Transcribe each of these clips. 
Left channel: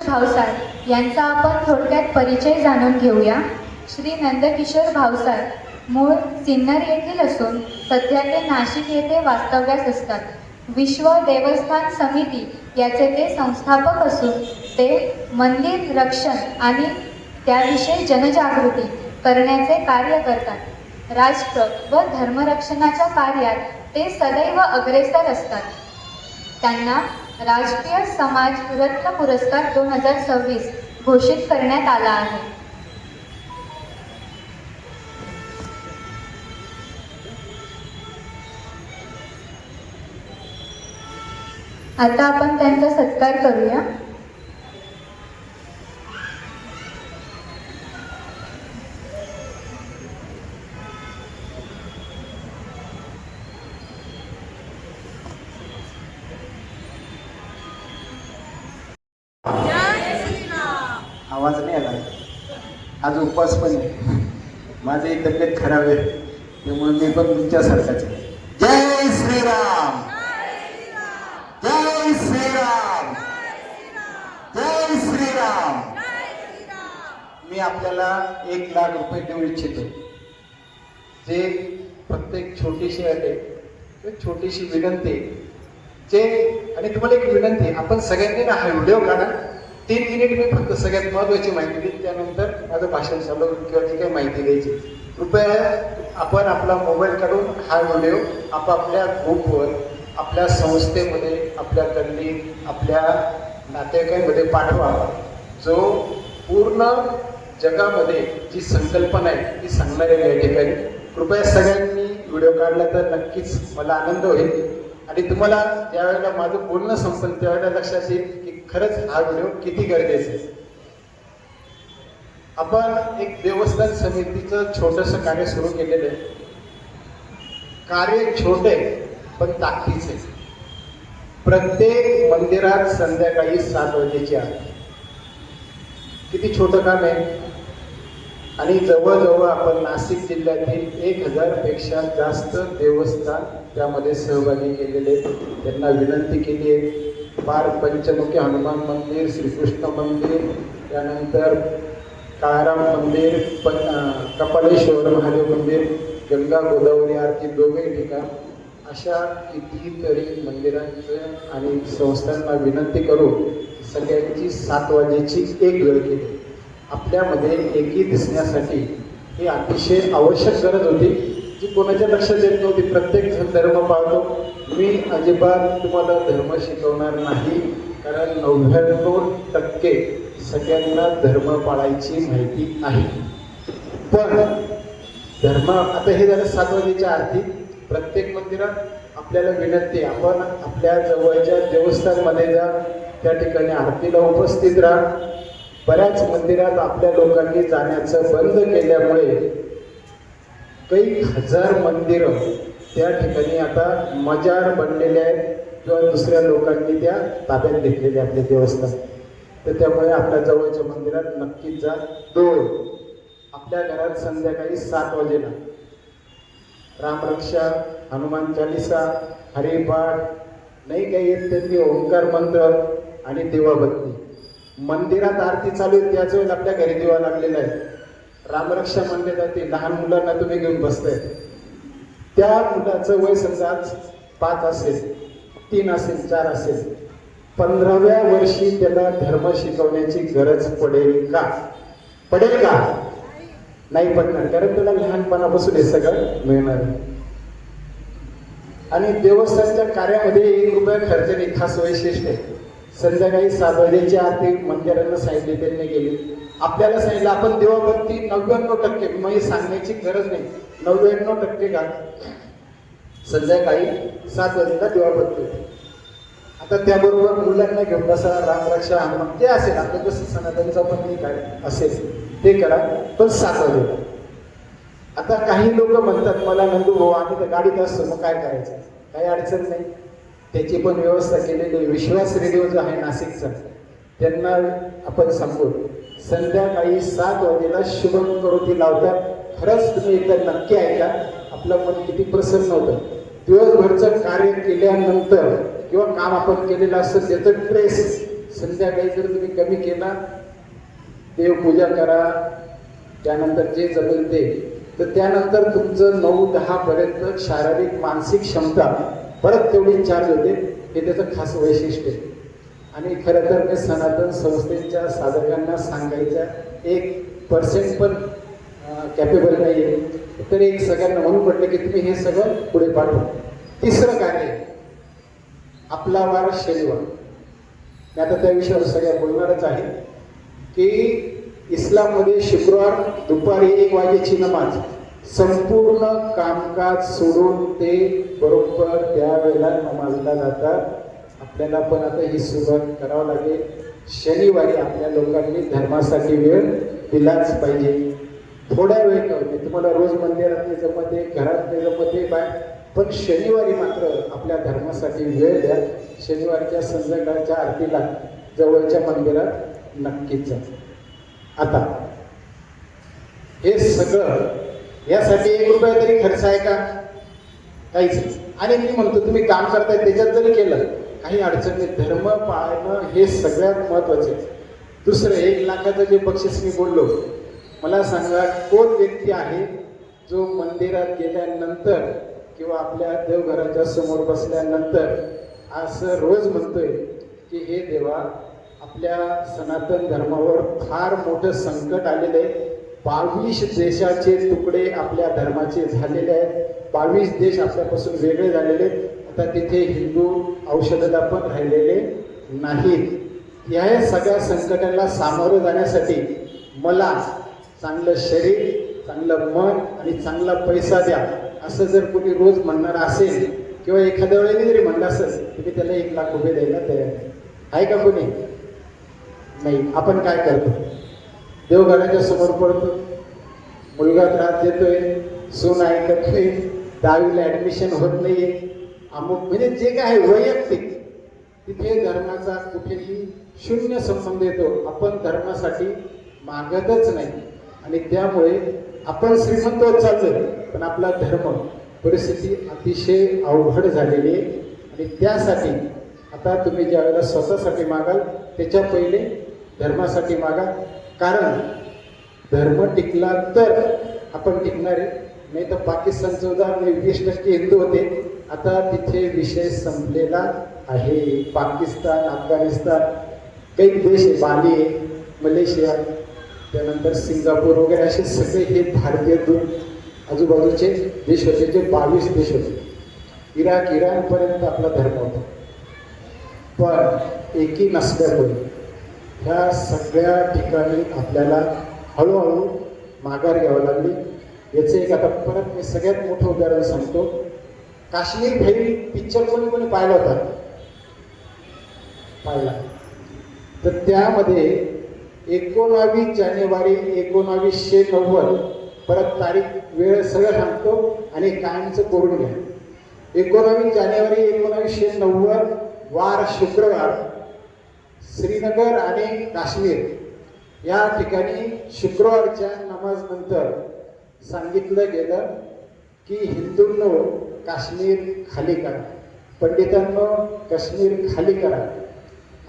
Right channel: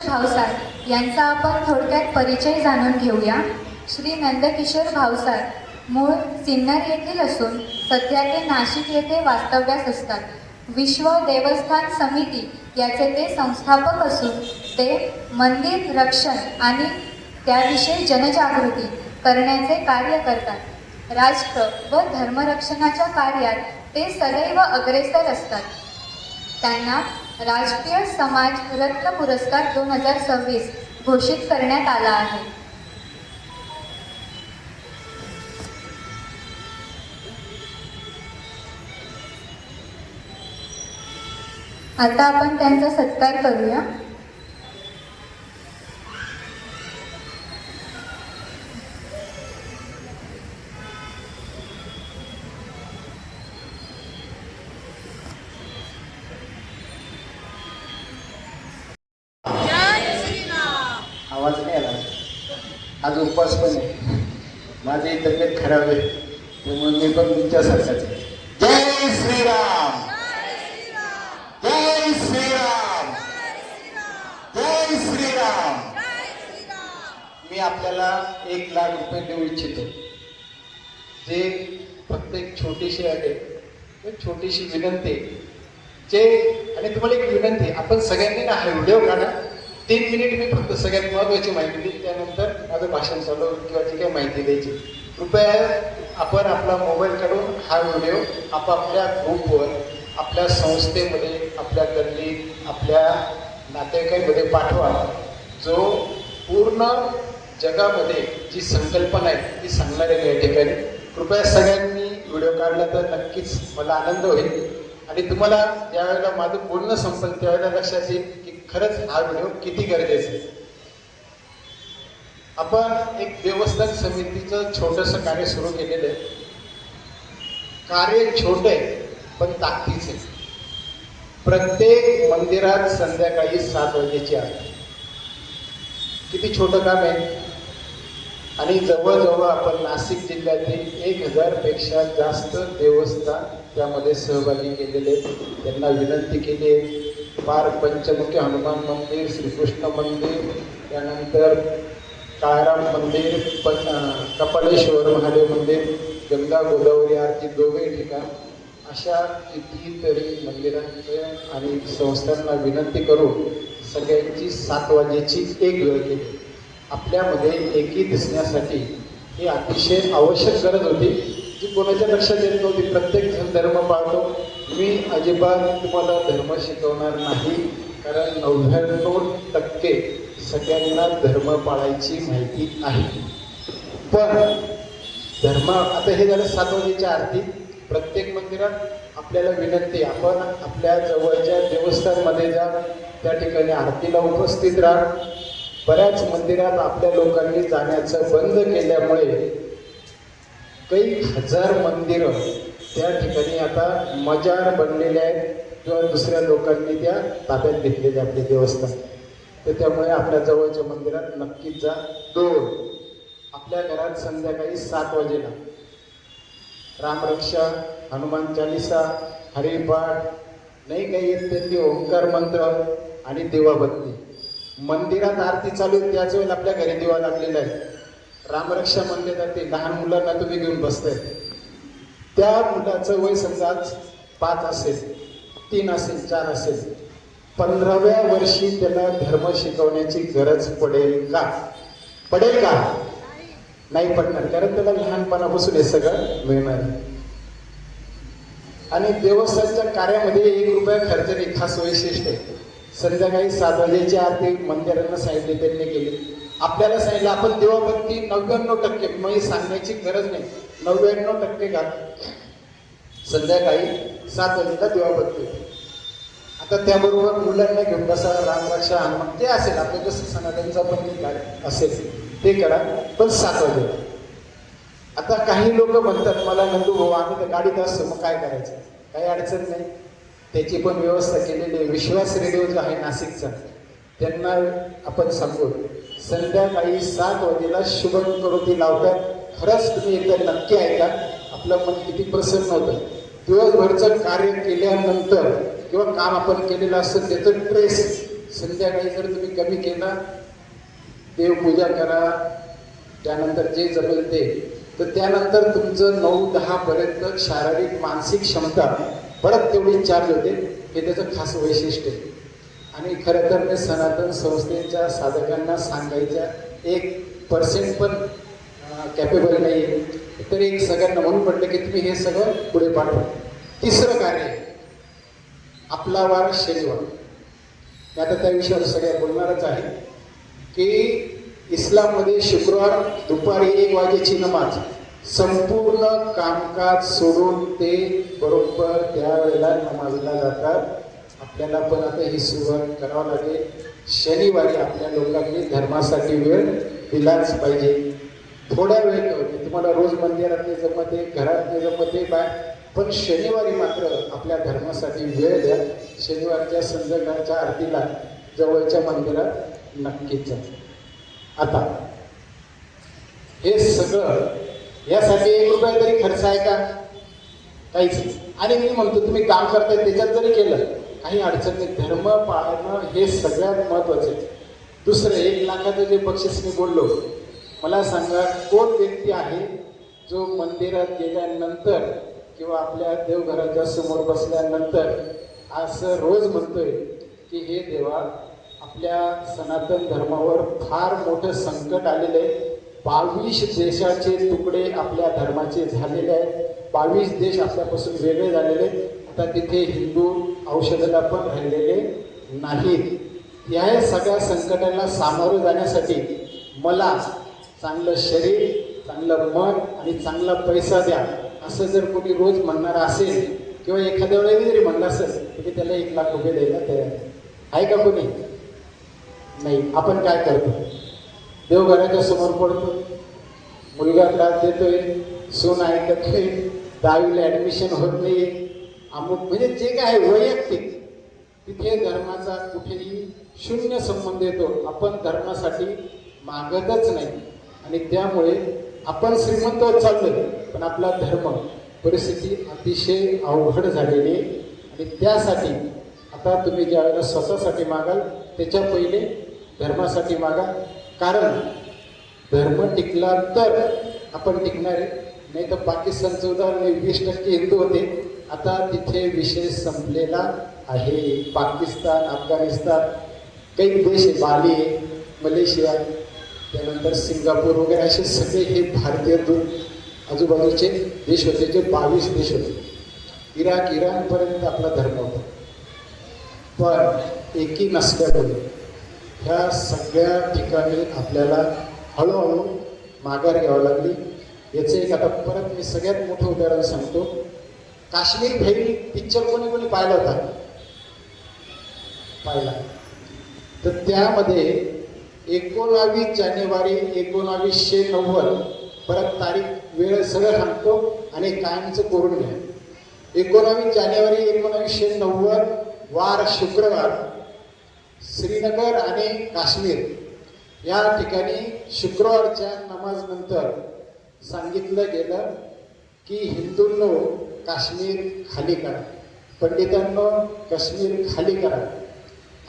भावसार यांचा आपण थोडक्यात परिचय जाणून घेऊया. श्री नंदकिशोर भावसार मूळ सिन्नर येथील असून सध्या ते नाशिक येथे वास्तव्यास असतात. विश्व देवस्थान समिती याचे ते संस्थापक असून ते मंदिर रक्षण आणि त्याविषयी जनजागृती करण्याचे कार्य करतात. राष्ट्र व धर्मरक्षणाच्या कार्यात ते सदैव अग्रेसर असतात. त्यांना राष्ट्रीय समाज रत्न पुरस्कार 2026 घोषित करण्यात आला आहे. आता आपण त्यांचा सत्कार करूया. आवाज नाही आला. आज उपवास पण आहे. माझी तब्येत खराब आहे, त्यामुळे मी पण तुमच्यासारखाच आहे. जय श्रीराम, जय श्रीराम, जय श्रीराम. मी आपल्याला 1 लाख रुपये देऊ इच्छितो. जे फक्त एक छोटीशी आहे, एक छोटीशी विनंती जे, आणि तुम्हाला एक विनंती, आपण सगळ्यांनी ना हा व्हिडिओ काढा. 3 मिनिट मी फक्त सगळ्यात महत्वाची माहिती देईन, त्यानंतर माझं भाषण चालू किंवा जी काही माहिती द्यायची. कृपया आपण आपला मोबाईल काढून हा व्हिडिओ आपापल्या ग्रुपवर, आपल्या संस्थेमध्ये, आपल्या गल्लीत, आपल्या नातेवाईकांमध्ये पाठवा. जो पूर्ण जगामध्ये जी संकल्पना आहे ती सांगणार आहे या ठिकाणी. कृपया सगळ्यांनी व्हिडिओ काढला तर नक्कीच मला आनंद होईल. आणि तुम्हाला ज्यावेळेला माझं बोलणं संपेल त्यावेळेला लक्षात येईल की खरंच हा व्हिडिओ किती गरजेचा आहे. आपण एक देवस्थान समितीचं छोटंसं कार्य सुरू केलेलं आहे. कार्य छोटे पण ताकदीचे. प्रत्येक मंदिरात संध्याकाळी 7 वाजेची आरती. किती छोटं काम आहे. आणि जवळजवळ आपण नाशिक जिल्ह्यातील 1000 पेक्षा जास्त देवस्थान त्यामध्ये सहभागी केलेले. त्यांना विनंती केली आहे, पार पंचमुखी हनुमान मंदिर, श्रीकृष्ण मंदिर, त्यानंतर काळाराम मंदिर, कपालेश्वर महादेव मंदिर, गंगा गोदावरी आरती दोघे ठिकाण, अशा कितीतरी मंदिरांचं आणि संस्थांना विनंती करून सगळ्यांची 7 वाजेची एक वेळ केली. आपल्यामध्ये एकी दिसण्यासाठी ही अतिशय आवश्यक गरज होती, जी कोणाच्या लक्षात येत नव्हती. प्रत्येक जण धर्म पाळतो. मी अजिबात तुम्हाला धर्म शिकवणार नाही, कारण 99% सगळ्यांना धर्म पाळायची माहिती आहे. पण धर्म, आता हे झालं 7 वाजेची आरती. प्रत्येक मंदिरात आपल्याला विनंती, आपण आपल्या जवळच्या देवस्थानमध्ये जा, त्या ठिकाणी आरतीला उपस्थित राहा. बऱ्याच मंदिरात आपल्या लोकांनी जाण्याचं बंद केल्यामुळे काही 1000 मंदिरं त्या ठिकाणी आता मजार बनलेले आहेत किंवा दुसऱ्या लोकांनी त्या ताब्यात घेतलेले आपले देवस्थान. तर त्यामुळे आपल्या जवळच्या मंदिरात नक्कीच जा. 2, आपल्या घरात संध्याकाळी 7 वाजेला रामरक्षा, हनुमान चालिसा, हरिपाठ, नाही काही येत त्यांनी ओंकार मंत्र आणि दिवाबत्ती. मंदिरात आरती चालू आहे त्याच वेळेस आपल्या घरी दिवा लागलेला आहे. रामरक्षा मंदिरात ते लहान मुलांना तुम्ही घेऊन बसताय. त्या मुलाचं वय समजा 5 असेल, 3 असेल, 4 असेल, 15व्या वर्षी त्याला धर्म शिकवण्याची गरज पडेल का? पडेल का? नाही पडणार, कारण त्याला लहानपणापासून हे सगळं मिळणार. आणि देवस्थानच्या कार्यामध्ये 1 रुपया खर्च नाही. खास वैशिष्ट्य आहे, संध्याकाळी 7 वाजेची आरती मंदिरांना सांगितली, त्यांनी केली. आपल्याला सांगितलं आपण देवाबत्ती 99% म्हणजे सांगण्याची गरज नाही, 99% का संध्याकाळी 7 वाजेला देवाबत्ती. आता त्याबरोबर मुलांना घेऊन बसा, रामरक्षा, हनुमान जे असेल आपलं जसं सनातनचा पण काय असेल ते करा, पण 7 वाजेला. आता काही लोक म्हणतात मला, नंदू भाऊ आम्ही तर गाडीत असतो, मग काय करायचं? काही अडचण नाही, त्याची पण व्यवस्था केलेली आहे. विश्वास रेडिओ जो आहे नाशिकचा, त्यांना आपण सांगू संध्याकाळी 7 वाजेला शुभंकरोती लावतात. खरंच तुम्ही एकदा नक्की ऐका, आपलं मन किती प्रसन्न होतं. दिवसभरचं कार्य केल्यानंतर किंवा काम आपण केलेलं असतं त्याचं ट्रेस संध्याकाळी जर तुम्ही कमी केला, देवपूजा करा, त्यानंतर जे जमेल ते, तर त्यानंतर तुमचं 9-10 पर्यंत शारीरिक मानसिक क्षमता परत तेवढी चार्ज होते. हे त्याचं खास वैशिष्ट्य आहे. आणि खरं तर मी सनातन संस्थेच्या साधकांना सांगायच्या 1% पण कॅपेबल नाही आहे, तर एक सगळ्यांना म्हणून पडलं की तुम्ही हे सगळं पुढे पाठवा. तिसरं कार्य, आपला वार शनिवार. मी आता त्या विषयावर सगळ्यात बोलणारच आहे की इस्लाममध्ये शुक्रवार दुपारी 1 वाजेची नमाज, संपूर्ण कामकाज सोडून ते बरोबर त्यावेळेला नमाजला जातात. आपल्याला पण आता ही सुरुवात करावं लागेल. शनिवारी आपल्या लोकांनी धर्मासाठी वेळ दिलाच पाहिजे. थोड्या वेळ नव्हते, तुम्हाला रोज मंदिरात नाही जमते, घरात नाही जमते बाय, पण शनिवारी मात्र आपल्या धर्मासाठी वेळ द्या. शनिवारच्या संध्याकाळच्या आरतीला जवळच्या मंदिरात नक्कीच जा. आता हे सगळं यासाठी 1 रुपया तरी खर्च आहे का? काहीच नाही. आणि मी म्हणतो तुम्ही काम करताय त्याच्यात जरी केलं काही अडचण नाही. धर्म पाळणं हे सगळ्यात महत्वाचे. दुसरं 1 लाखाचं जे बक्षीस मी बोललो, मला सांगा कोण व्यक्ती आहे जो मंदिरात गेल्यानंतर किंवा आपल्या देवघराच्या समोर बसल्यानंतर असं रोज म्हणतोय की हे देवा, आपल्या सनातन धर्मावर फार मोठं संकट आलेलं आहे. 22 देशाचे तुकडे आपल्या धर्माचे झालेले आहेत. 22 देश आपल्यापासून वेगळे झालेले आहेत. आता तिथे हिंदू औषधाला पण राहिलेले नाहीत. या सगळ्या संकटांना सामोरं जाण्यासाठी मला चांगलं शरीर, चांगलं मन आणि चांगला पैसा द्या, असं जर कोणी रोज म्हणणार असेल किंवा एखाद्या वेळेला जरी म्हणलं असेल तुम्ही त्याला 1 लाख रुपये द्यायला तयार आहे का कोणी? नाही. आपण काय करतो? देवघराच्या समोर पडतो, मुलगा त्रास देतोय, सून ऐकत नाही, 10वीला ऍडमिशन होत नाहीये, अमुक म्हणजे जे काय आहे वैयक्तिक, तिथे धर्माचा कुठेही 0 संबंध येतो. आपण धर्मासाठी मागतच नाही आणि त्यामुळे आपण श्रीमंत होत चाललो, पण आपला धर्म परिस्थिती अतिशय अवघड झालेली आहे. आणि त्यासाठी आता तुम्ही ज्या वेळेला स्वतःसाठी मागाल त्याच्या पहिले धर्मासाठी मागा. कारण धर्म टिकला तर आपण टिकणार आहे. नाही तर पाकिस्तानचं उदाहरण 20% हिंदू होते, आता तिथे विषय संपलेला आहे. पाकिस्तान, अफगाणिस्तान, काही देश आहे, बाली आहे, मलेशिया, त्यानंतर सिंगापूर वगैरे असे सगळे हे भारतीय आजूबाजूचे देश होते, जे 22 देश होते. इराणपर्यंत आपला धर्म होता. पण एकी नसल्यामुळे ह्या सगळ्या ठिकाणी आपल्याला हळूहळू माघार घ्यावं लागली. याचं एक आता परत मी सगळ्यात मोठं उदाहरण सांगतो. काश्मीर फाईल पिक्चर कोणी पाहिला होता? पाहिला. तर त्यामध्ये 19 जानेवारी 1990, परत तारीख वेळ सगळं सांगतो आणि कायमचं करून घ्या. 19 जानेवारी 1990 वार शुक्रवार, श्रीनगर आणि काश्मीर या ठिकाणी शुक्रवारच्या नमाज नंतर सांगितलं गेलं की हिंदूंनो काश्मीर खाली करा, पंडितांनो काश्मीर खाली करा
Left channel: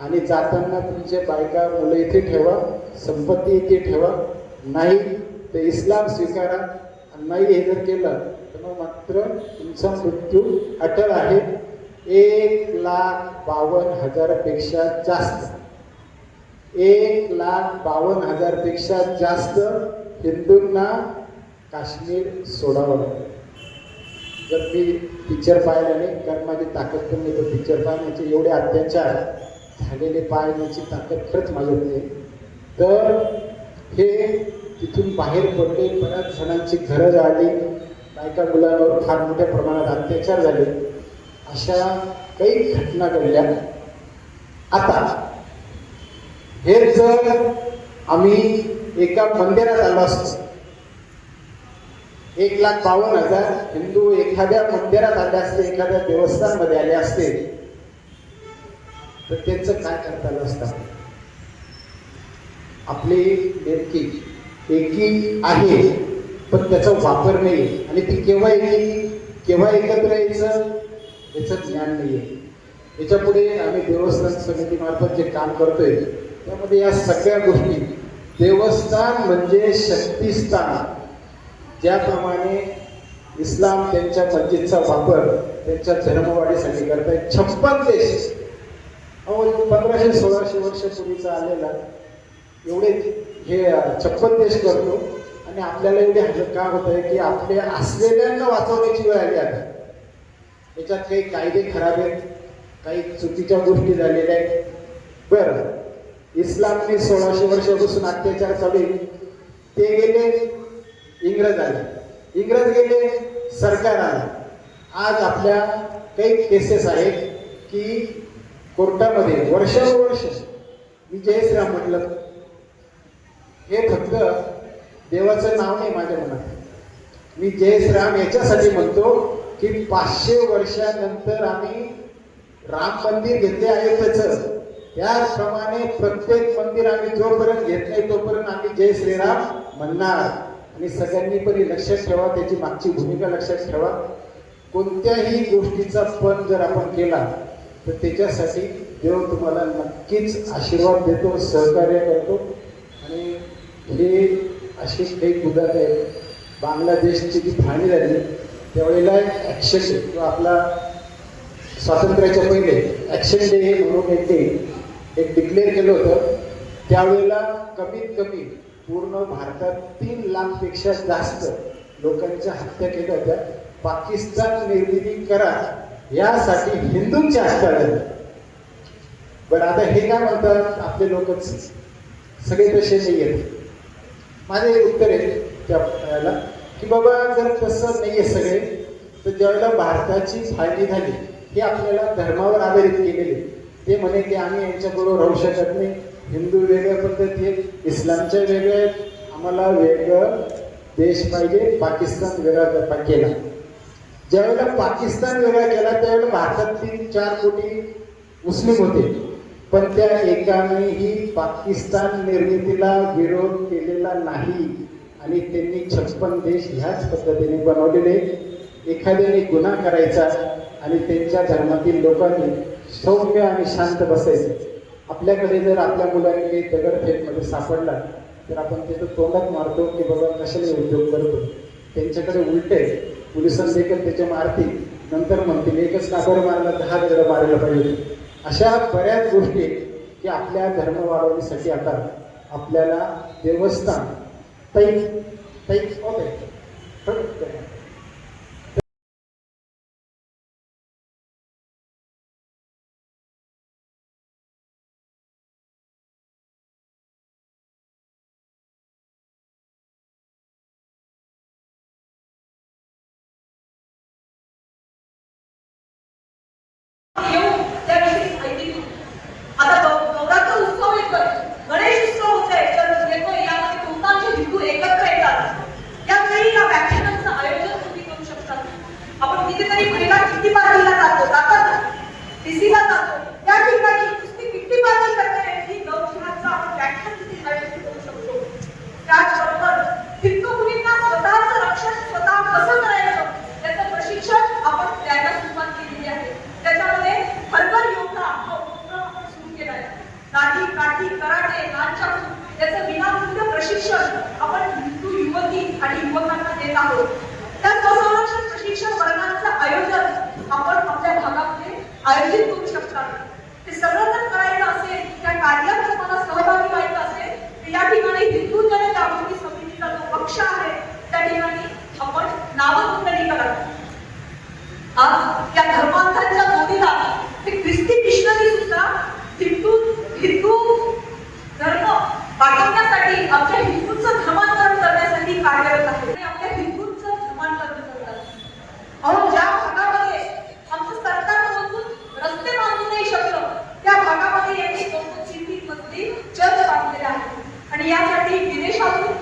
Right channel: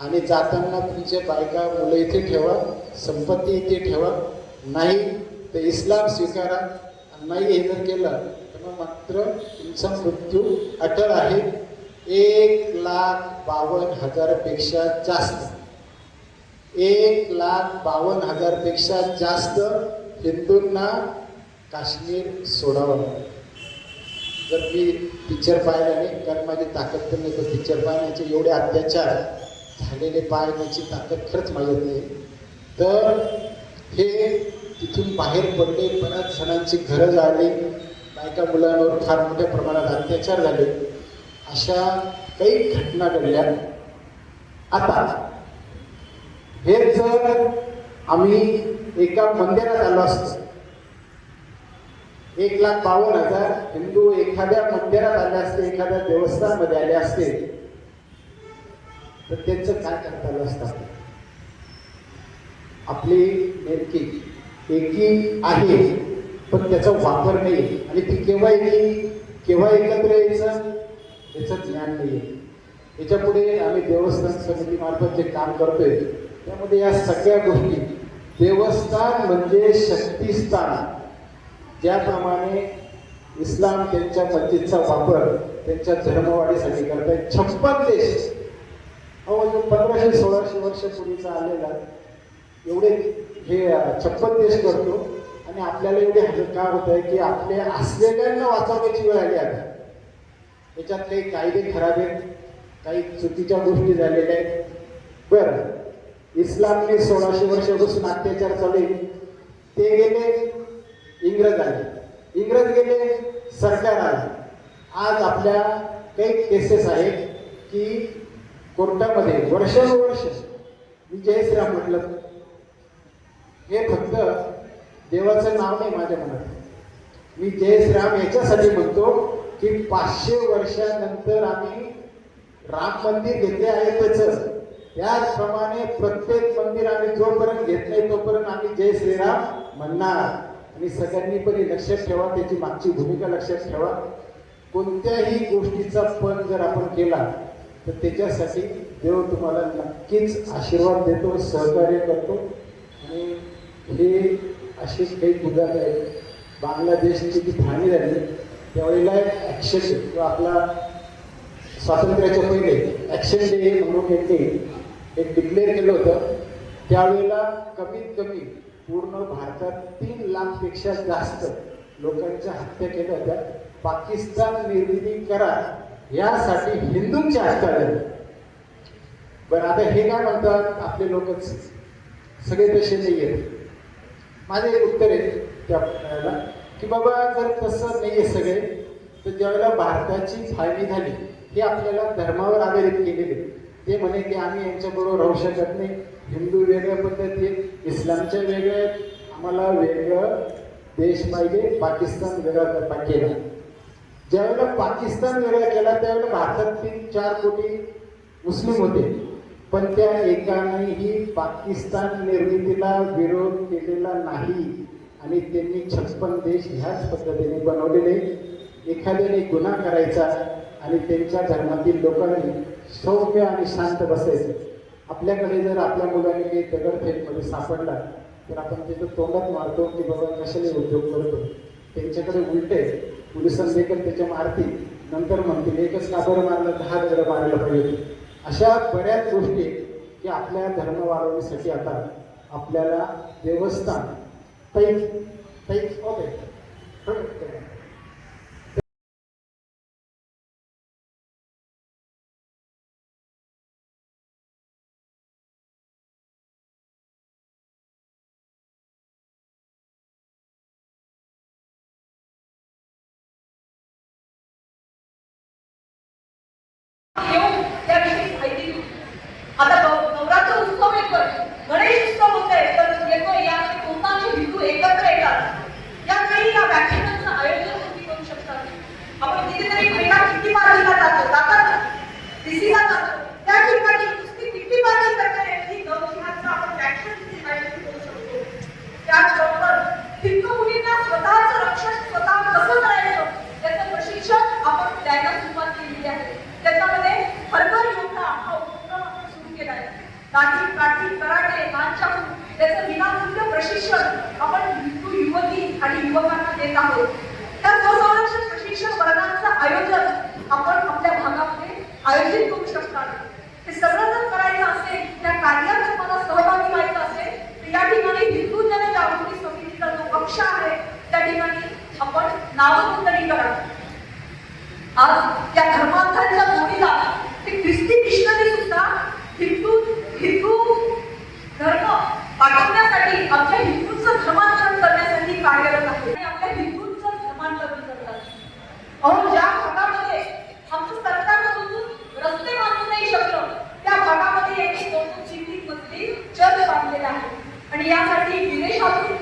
आणि जाताना तुमचे बायका मुलं इथे ठेवा, संपत्ती इथे ठेवा, नाही तर इस्लाम स्वीकारा. नाही हे जर केलं तर मग मात्र तुमचा मृत्यू अटळ आहे. 1,52,000 पेक्षा जास्त 1,52,000 पेक्षा जास्त हिंदूंना काश्मीर सोडावं लागलं. जर मी पिक्चर पाहिला नाही, कारण माझी ताकद पण नाही तर पिक्चर पाहण्याचे एवढे अत्याचार झालेले पाहण्याची ताकद खरंच माझ्यात नाही. तर हे तिथून बाहेर पडले, बऱ्याच जणांची घरं जाळली, बायका मुलांवर फार मोठ्या प्रमाणात अत्याचार झाले, अशा काही घटना घडल्या. आता हे जर आम्ही एका मंदिरात आलो असतो, 1,52,000 हिंदू एखाद्या मंदिरात आले असते, एखाद्या देवस्थानमध्ये आले असते, तर त्यांचं काय करता आलं असतं? आपली नेमकी एकी आहे पण त्याचा वापर नाही, आणि ती केव्हा एकत्र यायचं याचं ज्ञान नाही आहे. याच्यापुढे आम्ही देवस्थान समितीमार्फत जे काम करतोय त्यामध्ये या सगळ्या गोष्टी, देवस्थान म्हणजे शक्तिस्थान, ज्याप्रमाणे इस्लाम त्यांच्या मस्जिदचा वापर त्यांच्या धर्मवाढीसाठी करतायत. 56 देश, 1500-1600 वर्षापूर्वीचा आलेला एवढे हे 56 देश करतो. आणि आपल्याला एवढे हजर काम होत आहे की आपल्या असलेल्यांना वाचवण्याची वेळ आली आहे. त्याच्यात काही कायदे खराब आहेत, काही चुकीच्या गोष्टी झालेल्या आहेत. बरं, इस्लामने 1600 वर्षापासून अत्याचार चालू आहे. ते गेले, इंग्रज आले, इंग्रज गेले, सरकार आलं. आज आपल्या काही केसेस आहेत की कोर्टामध्ये वर्षानुवर्ष, मी जय श्रीराम म्हटलं, हे फक्त देवाचं नाव नाही माझ्या मनात. मी जय श्रीराम याच्यासाठी म्हणतो की 500 वर्षानंतर आम्ही राम मंदिर घेतले आहे त्याच, त्याचप्रमाणे प्रत्येक मंदिर आम्ही जोपर्यंत घेत नाही तोपर्यंत आम्ही जय श्रीराम म्हणणार. आणि सगळ्यांनी पण लक्षात ठेवा, त्याची मागची भूमिका लक्षात ठेवा. कोणत्याही गोष्टीचा पण जर आपण केला तर त्याच्यासाठी देव तुम्हाला नक्कीच आशीर्वाद देतो, सहकार्य करतो. आणि हे असे काही उदाहरण आहेत. बांगलादेशची जी फाळणी झाली त्यावेळेला ॲक्शन किंवा आपला स्वातंत्र्याच्या पहिले ॲक्शन डे म्हणून एक डिक्लेअर केलं होतं. त्यावेळेला कमीत कमी पूर्ण भारतात 3 लाखपेक्षा जास्त लोकांच्या हत्या केल्या होत्या. पाकिस्तान निर्मिती करा यासाठी हिंदूंच्या हत्या झाल्या. बरं, आता हे काय म्हणतात आपले लोकच, सगळे तसे नाही आहेत. माझे एक उत्तर आहे त्याला की बाबा जर तसं नाही आहे सगळे, तर ज्यावेळेला भारताची फाळणी झाली हे आपल्याला धर्मावर आधारित केलेले. ते म्हणे की आम्ही यांच्याबरोबर राहू शकत नाही, हिंदू वेगळ्या पद्धती आहेत, इस्लामच्या वेगळ्या आहेत, आम्हाला वेगळं देश पाहिजे, पाकिस्तान वेगळा केला. ज्यावेळेला पाकिस्तान वेगळा केला त्यावेळेला भारतात 3-4 कोटी मुस्लिम होते, पण त्या एकानेही पाकिस्तान निर्मितीला विरोध केलेला नाही. आणि त्यांनी 56 देश ह्याच पद्धतीने बनवलेले. एखाद्याने गुन्हा करायचा आणि त्यांच्या धर्मातील लोकांनी सौम्य आणि शांत बसायचे. आपल्याकडे जर आपल्या मुलांनी काही दगडफेकमध्ये सापडला तर आपण त्याचं तोंडात मारतो की बाबा कशाने उद्योग करतो. त्यांच्याकडे उलटे पोलिसांना देखील त्याच्या मारतील, नंतर म्हणतील एकच कापड मारलं 10 दगड मारायला पाहिजे. अशा बऱ्याच गोष्टी की आपल्या धर्म वाढवण्यासाठी आता आपल्याला देवस्थान आता नवरात्र उत्सव येतोय, गणेश उत्सव होतोय, तर येतोय यामध्ये बहुतांश हिंदू एकत्र येतात. यावेळी या व्याख्यानांचं आयोजन तुम्ही करू शकता. आपण कितीतरी महिला किती पार्टीला जातात, दिसीला जातो, त्या ठिकाणी नुसती किती पार्टी करता येईल नवरात्राचं आपण व्याख्यान तिथे आयोजित करू शकतो. त्याचबरोबर हिंदू मुलींना स्वतःचं रक्षण स्वतः कसं करायचं याचं प्रशिक्षण आपण द्यायला सुरुवात केलेली आहे. त्याच्यामध्ये हरभर योगा हा उपक्रम आपण सुरू केला आहे. लाठी काठी कराटे नाच याचं विनामूल्य प्रशिक्षण आपण हिंदू युवती आणि युवकांना देत आहोत. त्या स्वसंरक्षण प्रशिक्षण वर्गांचं आयोजन आपण आपल्या भागामध्ये आयोजित करू शकता. ते सर्वजण करायचं असेल, त्या कार्यात तुम्हाला सहभागी व्हायचं असेल तर या ठिकाणी हिंदू जनजागृती समितीचा जो पक्ष आहे त्या ठिकाणी आपण नावनोंदणी करा. आज त्या धर्मांतराच्या जोडीला ते ख्रिस्ती मिशनरी सुद्धा हिंदू धर्म वाढवण्यासाठी आपल्या हिंदूंचं धर्मांतरण करण्यासाठी कार्यरत आहे. आपल्या हिंदूंचं धर्मांतरण करतात. अहो, ज्या भागामध्ये आमचं सरकारमधून रस्ते बांधू नाही शकलं त्या भागामध्ये यांनी 2-2-3-3 मजली चर्च बांधलेले आहे. आणि यासाठी विदेशातून